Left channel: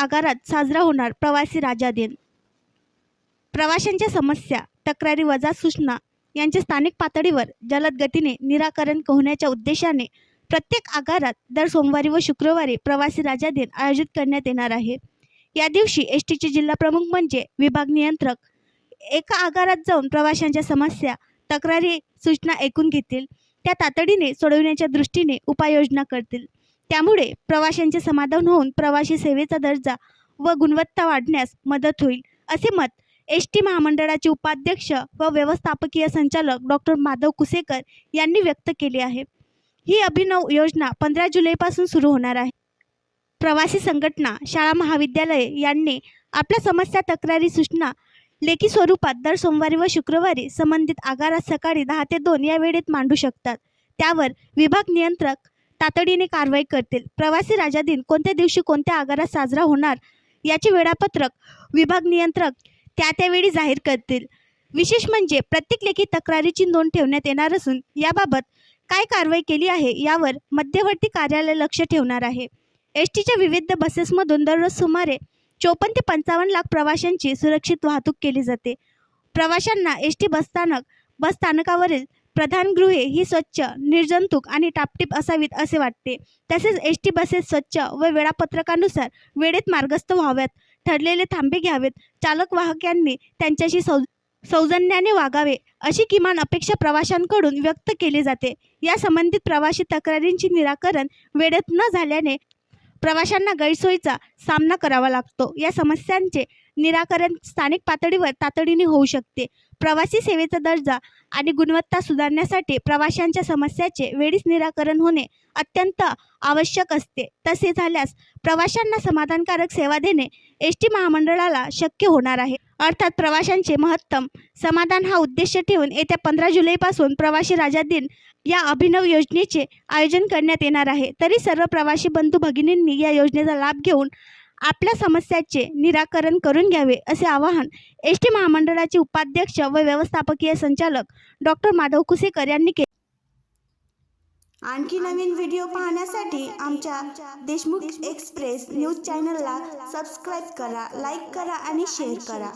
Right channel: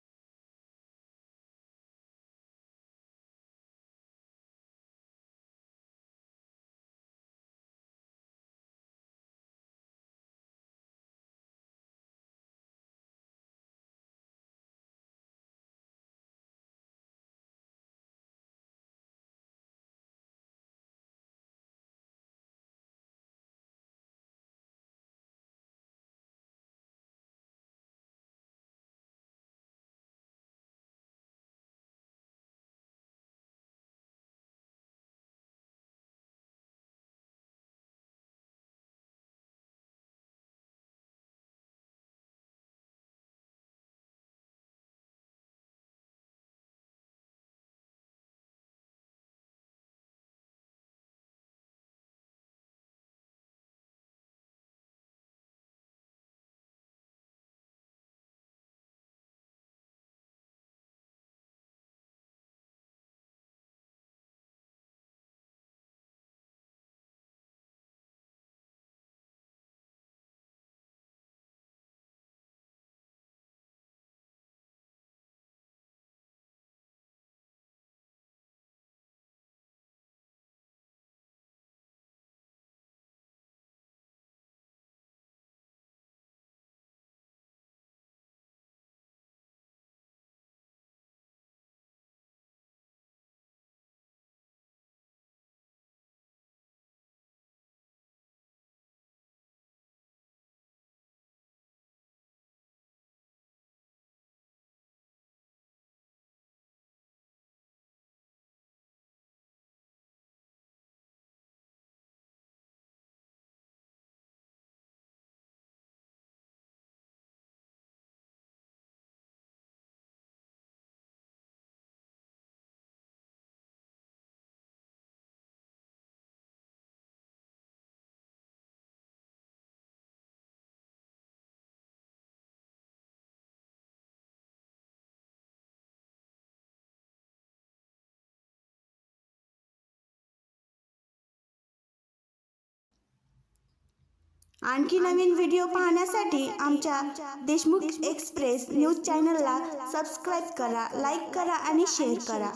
आगारात साजरा होणार प्रवासी राजा दिन। प्रवाशांच्या समस्या, तक्रारी वजा सूचना यांचे स्थानिक पातळीवर जलद गतीने निराकरण होण्याच्या उद्देशाने प्रत्येक आगारात दर सोमवारी व शुक्रवारी प्रवासी राजा दिन आयोजित करण्यात येणार आहे। या दिवशी एसटीचे जिल्हा प्रमुख म्हणजे विभाग नियंत्रक एका आगारात जाऊन प्रवाशांच्या समस्या, तक्रारी, सूचना ऐकून घेतील, त्या तातडीने सोडवण्याच्या दृष्टीने उपाययोजना करतील। त्यामुळे प्रवाशांचे समाधान होऊन प्रवासी सेवेचा दर्जा व गुणवत्ता वाढण्यास मदत होईल, असे मत एसटी महामंडळाचे उपाध्यक्ष व व्यवस्थापकीय संचालक डॉक्टर माधव कुसेकर यांनी व्यक्त केले आहे। ही अभिनव योजना 15 जुलैपासून सुरू होणार आहे। प्रवासी संघटना, शाळा, महाविद्यालये यांनी आपल्या समस्या, तक्रारी, सूचना लेखी स्वरूपात दर सोमवारी व शुक्रवारी संबंधित आगारात सकाळी 10 ते 2 या वेळेत मांडू शकतात। त्यावर विभाग नियंत्रक तातडीने कारवाई करतील। प्रवासी राजा दिन कोणत्या दिवशी कोणत्या आगारात साजरा होणार याचे वेळापत्रक विभाग नियंत्रक त्यावेळी जाहीर करतील। विशेष म्हणजे प्रत्येक लेखी तक्रारीची नोंद ठेवण्यात येणार असून याबाबत काय कारवाई केली आहे यावर मध्यवर्ती कार्यालय लक्ष ठेवणार आहे। एसटीच्या विविध बसेसमधून दररोज सुमारे 54 ते 55 लाख प्रवाशांची सुरक्षित वाहतूक केली जाते। प्रवाशांना एसटी बस स्थानकावरील प्रधानगृहे ही स्वच्छ, निर्जंतुक आणि टापटीप असावीत असे वाटते। तसेच एसटी बसेस स्वच्छ व वेळापत्रकानुसार वेळेत मार्गस्थ व्हाव्यात, ठरलेले थांबे घ्यावेत, चालक वाहकांनी त्यांच्याशी सौजन्याने वागावे अशी किमान अपेक्षा प्रवाशांकडून व्यक्त केली जाते। या संबंधित प्रवासी तक्रारींचे निराकरण वेळेत न झाल्याने प्रवाशांना गैरसोयीचा सामना करावा लागतो। या समस्यांचे निराकरण स्थानिक पातळीवर तातडीने होऊ शकते। प्रवासी सेवेचा दर्जा आणि गुणवत्ता सुधारण्यासाठी प्रवाशांच्या समस्यांचे वेळीच निराकरण होणे अत्यंत आवश्यक असते। तसे झाल्यास प्रवाशांना समाधानकारक सेवा देणे एसटी महामंडळाला शक्य होणार आहे। अर्थात प्रवाशांचे महत्तम समाधान हा उद्देश ठेवून येत्या 15 जुलैपासून प्रवासी राजा दिन या अभिनव योजनेचे आयोजन करण्यात येणार आहे। तरी सर्व प्रवासी बंधू भगिनींनी या योजनेचा लाभ घेऊन आपल्या समस्यांचे निराकरण करून घ्यावे असे आवाहन एसटी महामंडळाचे उपाध्यक्ष व व्यवस्थापकीय संचालक डॉक्टर माधव कुसेकर यांनी केले। आणखी नवीन व्हिडिओ पाहण्यासाठी आमच्या देशमुख एक्सप्रेस न्यूज चॅनलला सबस्क्राईब करा, लाईक करा आणि शेअर करा।